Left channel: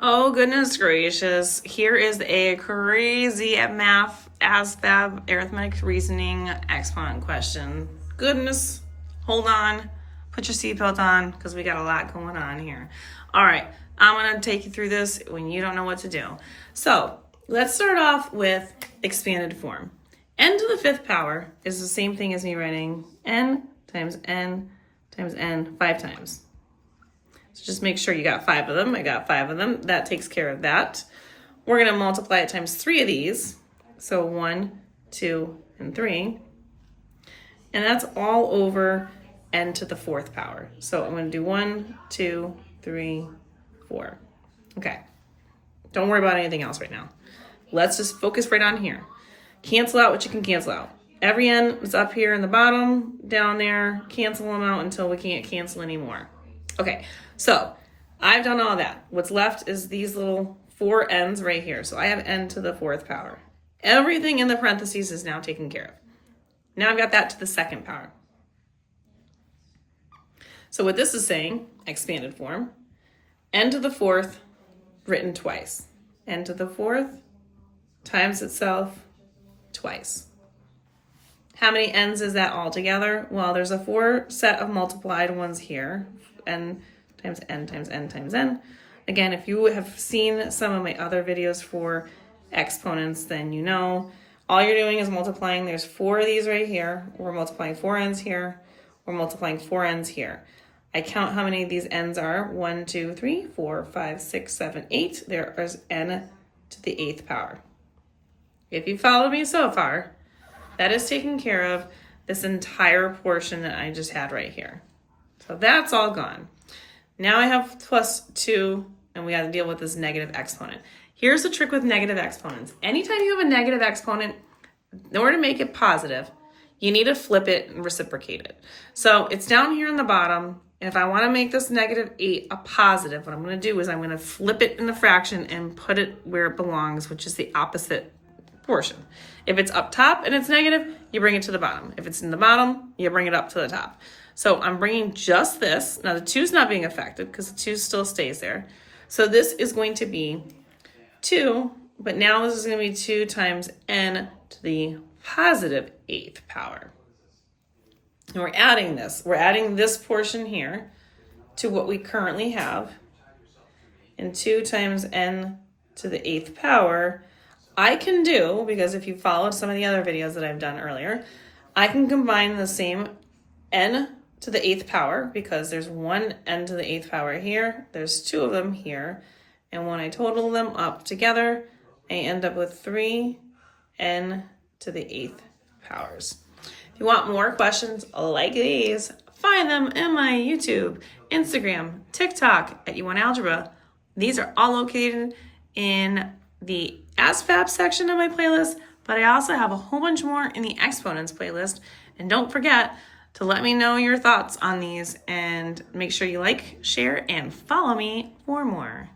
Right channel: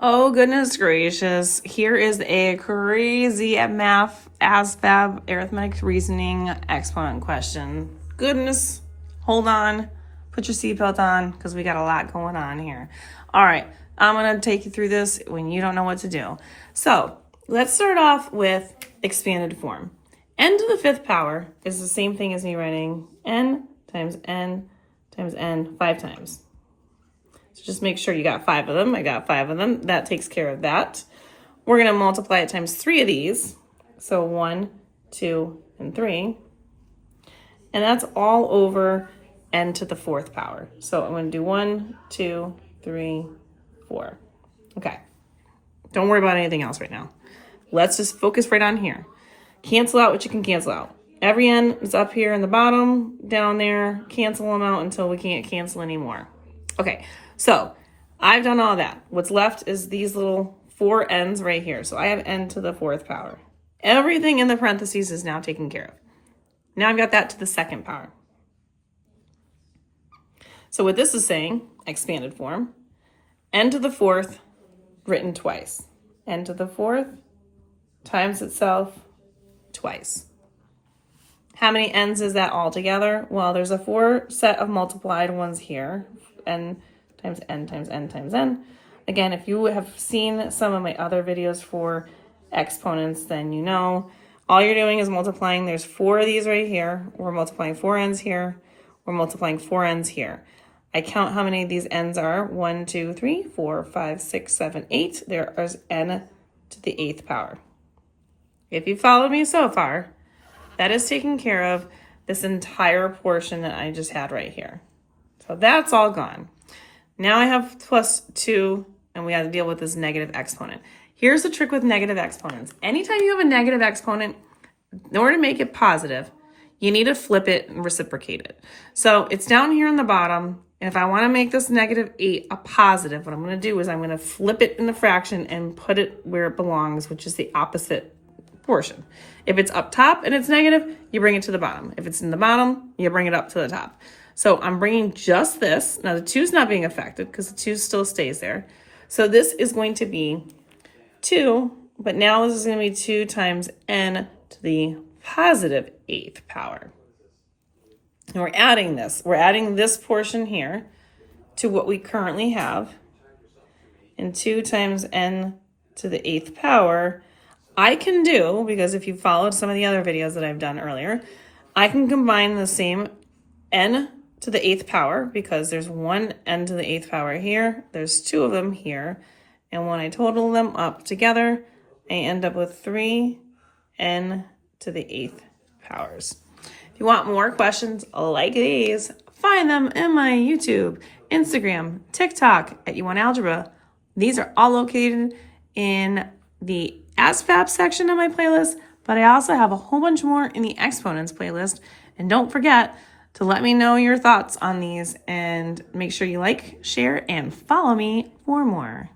Oh, goodness gracious. Here is a crazy math, ASVAB, arithmetic reasoning exponent question. Goodness, hold on. Put your seatbelt on because we got a lot going on here. All right, I'm going to take you through this when you don't know what to do. So let's start off with expanded form. N to the fifth power is the same thing as me writing n times n times n 5 times. So just make sure you got 5 of them. I got 5 of them. That takes care of that. We're going to multiply it times 3 of these. So 1, 2, and 3. And that's all over n to the fourth power. So I'm going to do 1, 2, 3, 4. Okay. Don't worry about anything else right now. Let's just focus right on here. Cancel out what you can cancel out. Every n is up here in the bottom, down there. Cancel them out until we can't cancel anymore. Okay, so I've done all that. What's left is these little 4 n's right here. So I have n to the fourth power. Everything in the parentheses is now taken care of. Now I've got that to the second power. So what this is saying, expanded form, n to the fourth written twice. N to the fourth times itself twice. How many n's is that all together? Well, there's a 4 set of multiplied ones here. N times n times n times n. Again, if you have seen some of my other videos for exponents, then you know all you're doing is multiplying. There's 4 of these right here. We're multiplying 4 n's here. We're multiplying 4 n's here. I count how many of these n's are. 1, 2, 3, 4, 5, 6, 7, 8. There is n to the 8th power. If you followed me so far, that is taking care of this entire portion that I just had right here. So that's all gone. Now I have plus 2, and we have to deal with this negative exponent. Here's the trick with negative exponents. Anytime you have a negative exponent, in order to make it positive, you need to flip it and reciprocate it. So it's down here in the bottom. And if I want to make this negative 8 a positive, what I'm going to do is I'm going to flip it in the fraction and put it where it belongs, which is the opposite portion. If it's up top and it's negative, you bring it to the bottom. If it's in the bottom, you bring it up to the top. So I'm bringing just this. Now the 2 is not being affected because the 2 still stays there. So this is going to be 2, but now this is going to be 2 times n to the positive 8th power. And we're adding this. We're adding this portion here to what we currently have. And 2 times n to the 8th power, I can do, because if you followed some of the other videos that I've done earlier, I can combine the same n to the 8th power, because there's 1 n to the 8th power here, there's 2 of them here, and when I total them up together, I end up with 3 n to the 8th powers. If you want more questions like these, find them in my YouTube, Instagram, TikTok at YouWantAlgebra. These are all located in the ASVAB section of my playlist, but I also have a whole bunch more in the exponents playlist. And don't forget to let me know your thoughts on these, and make sure you like, share, and follow me for more.